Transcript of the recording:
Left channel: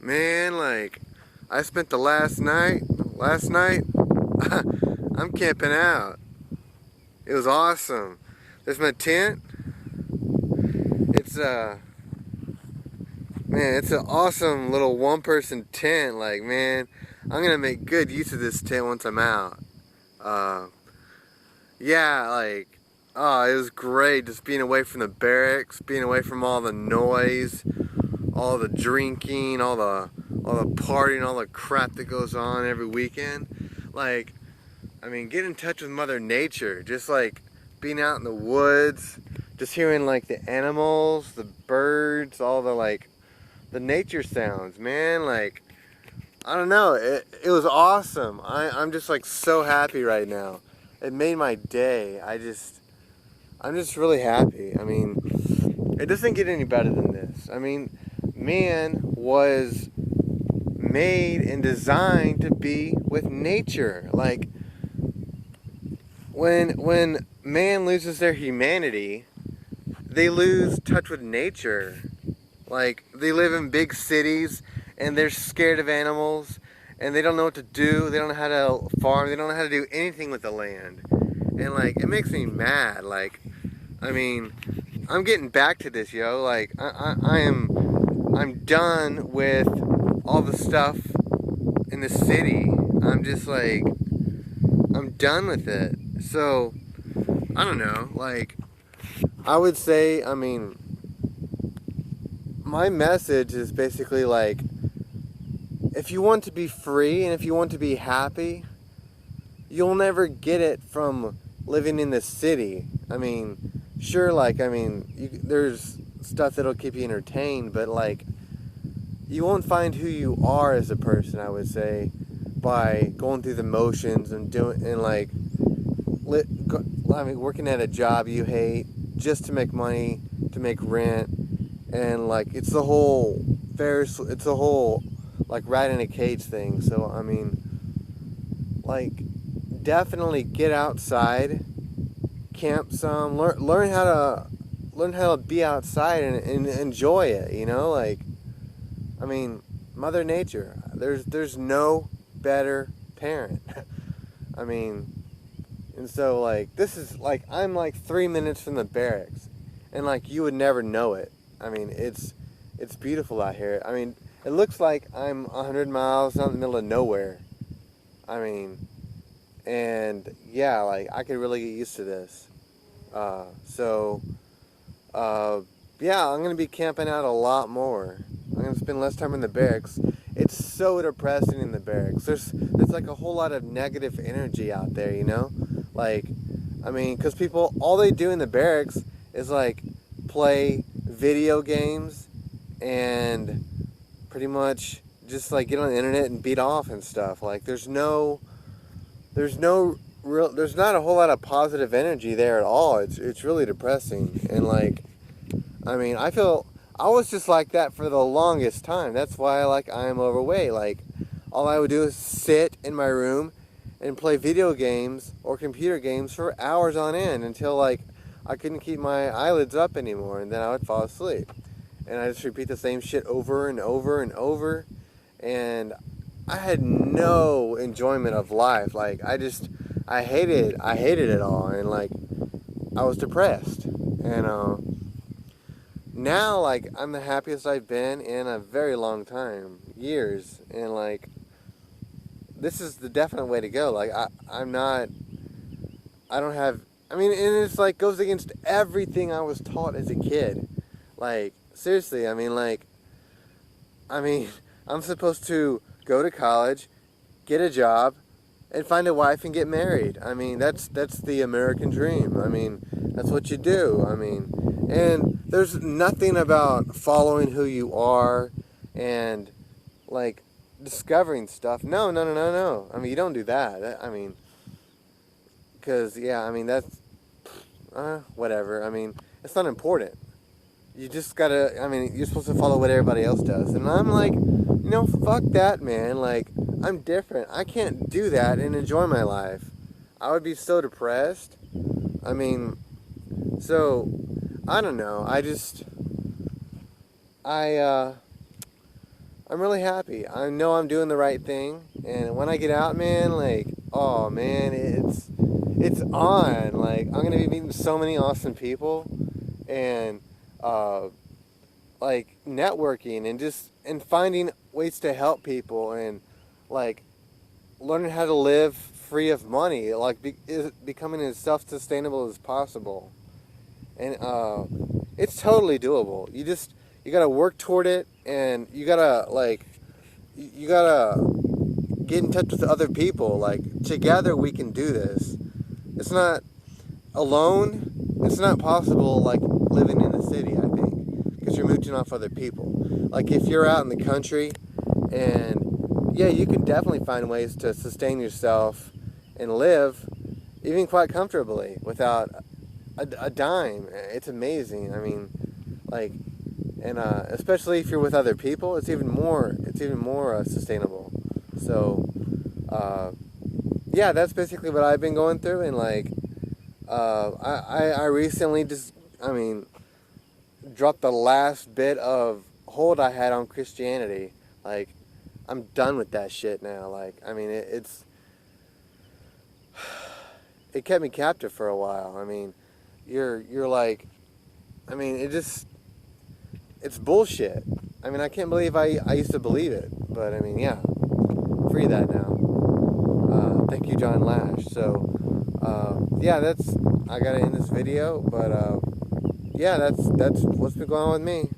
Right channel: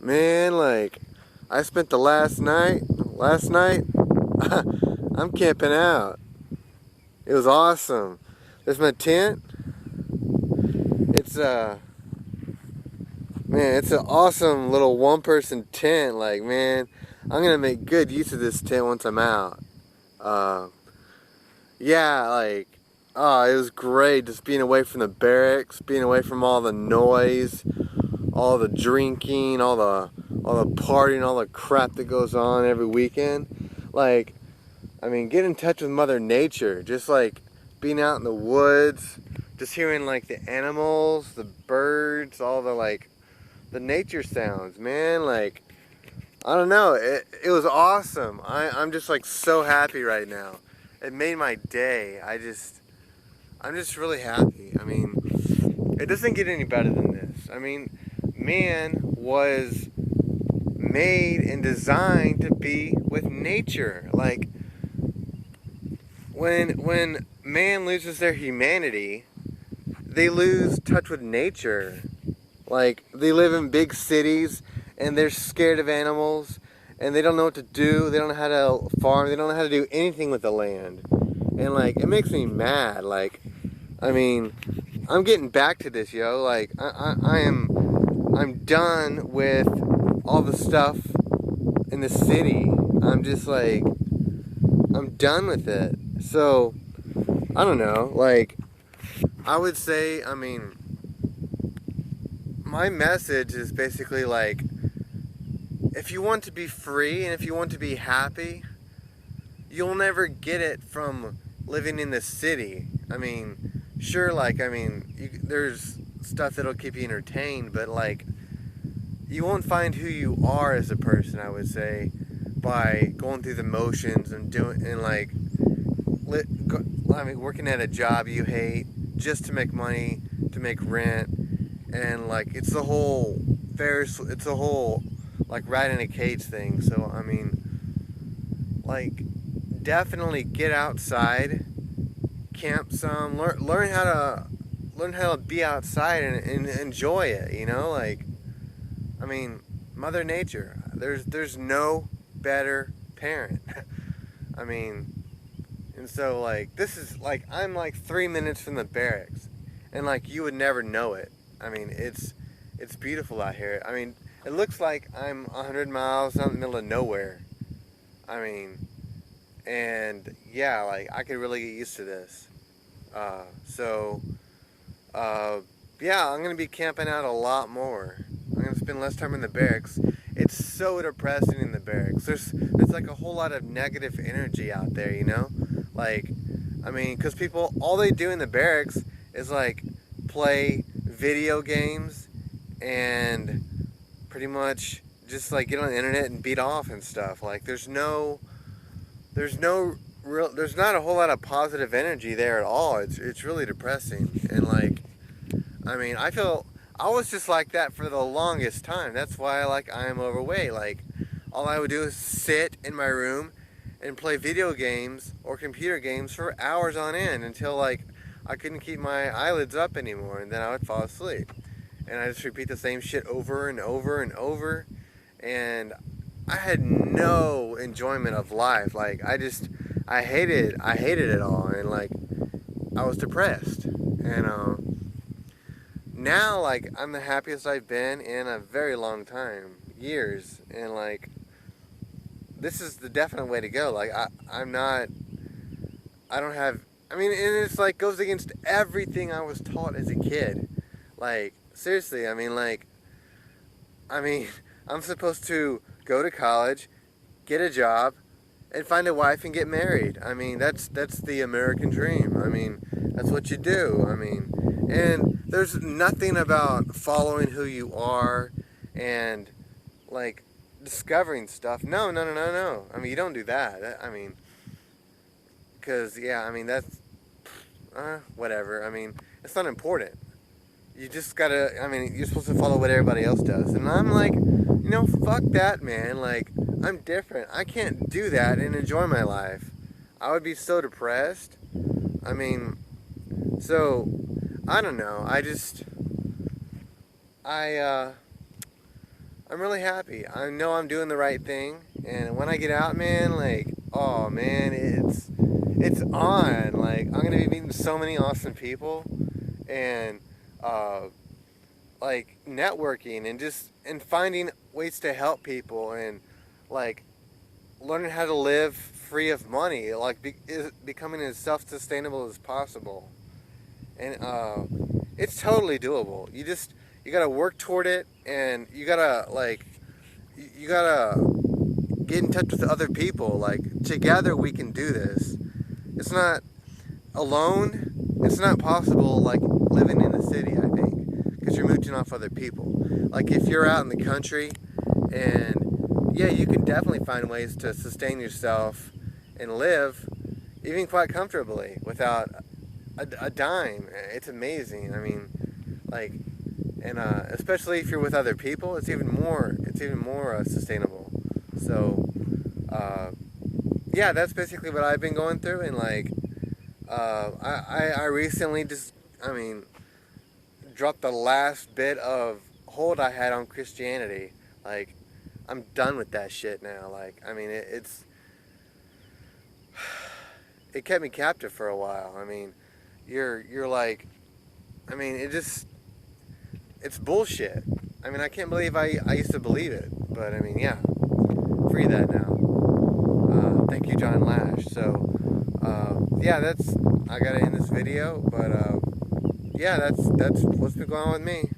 Man, like, I spent the last night, I'm camping out. It was awesome. There's my tent. It's, man, it's an awesome little one-person tent. Like, man, I'm gonna make good use of this tent once I'm out. Uh, yeah, like, oh, it was great just being away from the barracks, being away from all the noise, all the drinking, all the partying, all the crap that goes on every weekend. Like, I mean, get in touch with Mother Nature. Just like being out in the woods, just hearing like the animals, the birds, all the like the nature sounds, man. Like, I don't know, it was awesome. I'm just like so happy right now. It made my day. I'm just really happy. I mean, it doesn't get any better than this. I mean, man was made and designed to be with nature. Like, when man loses their humanity, they lose touch with nature. Like, they live in big cities and they're scared of animals and they don't know what to do. They don't know how to farm. They don't know how to do anything with the land. And like, it makes me mad. Like, I mean, I'm getting back to this, yo. Like, I'm done with all the stuff in the city. I'm just like, I'm done with it. So, I don't know. Like, I would say, I mean, my message is basically like, if you want to be free and if you want to be happy, you'll never get it from living in the city. I mean, sure, like, I mean, there's stuff that'll keep you entertained, but like, you won't find who you are as a person, I would say, by going through the motions and doing, and like, I mean, working at a job you hate just to make money, to make rent, and like, it's the whole it's the whole like rat in a cage thing. So I mean, like, definitely get outside, camp some, learn how to be outside and enjoy it. You know, like, I mean, Mother Nature. There's no better parent. I mean, and so like, this is like, I'm like 3 minutes from the barracks, and like, you would never know it. I mean, it's beautiful out here. I mean, it looks like I'm 100 miles out in the middle of nowhere. I mean, and yeah, like, I could really get used to this. So, uh, yeah, I'm gonna be camping out a lot more. I'm gonna spend less time in the barracks. It's so depressing in the barracks. There's like a whole lot of negative energy out there, you know? Like, I mean, because people, all they do in the barracks is like play video games and pretty much just like get on the internet and beat off and stuff. Like, there's not a whole lot of positive energy there at all. It's really depressing. And like, I mean, I was just like that for the longest time. That's why like I'm overweight. Like, all I would do is sit in my room and play video games or computer games for hours on end until like I couldn't keep my eyelids up anymore, and then I would fall asleep. And I just repeat the same shit over and over and over, and I had no enjoyment of life. Like, I hated it all, and like, I was depressed. And now, like, I'm the happiest I've been in a very long time, years, and like, this is the definite way to go. Like, I don't have, I mean, and it's like, goes against everything I was taught as a kid. Like, seriously, I mean, I'm supposed to go to college, get a job, and find a wife and get married. I mean, that's the American dream. I mean, that's what you do. I mean, and there's nothing about following who you are and like discovering stuff. No, no, no, no, no. I mean, you don't do that. I mean, because yeah, I mean, that's whatever. I mean, it's not important. You just gotta, I mean, you're supposed to follow what everybody else does. And I'm like, you know, fuck that, man. Like, I'm different. I can't do that and enjoy my life. I would be so depressed. I mean, so, I don't know. I I'm really happy. I know I'm doing the right thing, and when I get out, man, like, oh man, it's on. Like, I'm gonna be meeting so many awesome people, and uh, like networking and finding ways to help people, and like learning how to live free of money, like becoming as self-sustainable as possible. And it's totally doable. You gotta work toward it, and you gotta get in touch with other people. Like, together we can do this. It's not alone. It's not possible, like living in the city, I think, because you're mooching off other people. Like, if you're out in the country, and yeah, you can definitely find ways to sustain yourself and live even quite comfortably without a dime. It's amazing. I mean, like, and especially if you're with other people, it's even more sustainable. So, uh, yeah, that's basically what I've been going through, and like, I recently I mean, dropped the last bit of hold I had on Christianity. Like, I'm done with that shit now. Like, I mean, it kept me captive for a while. I mean, you're like, I mean, it's bullshit. I mean, I can't believe I used to believe it, but I mean, yeah, free that now. Thank you, John Lash. So, yeah, I gotta end this video, but yeah, that's what's been going on with me.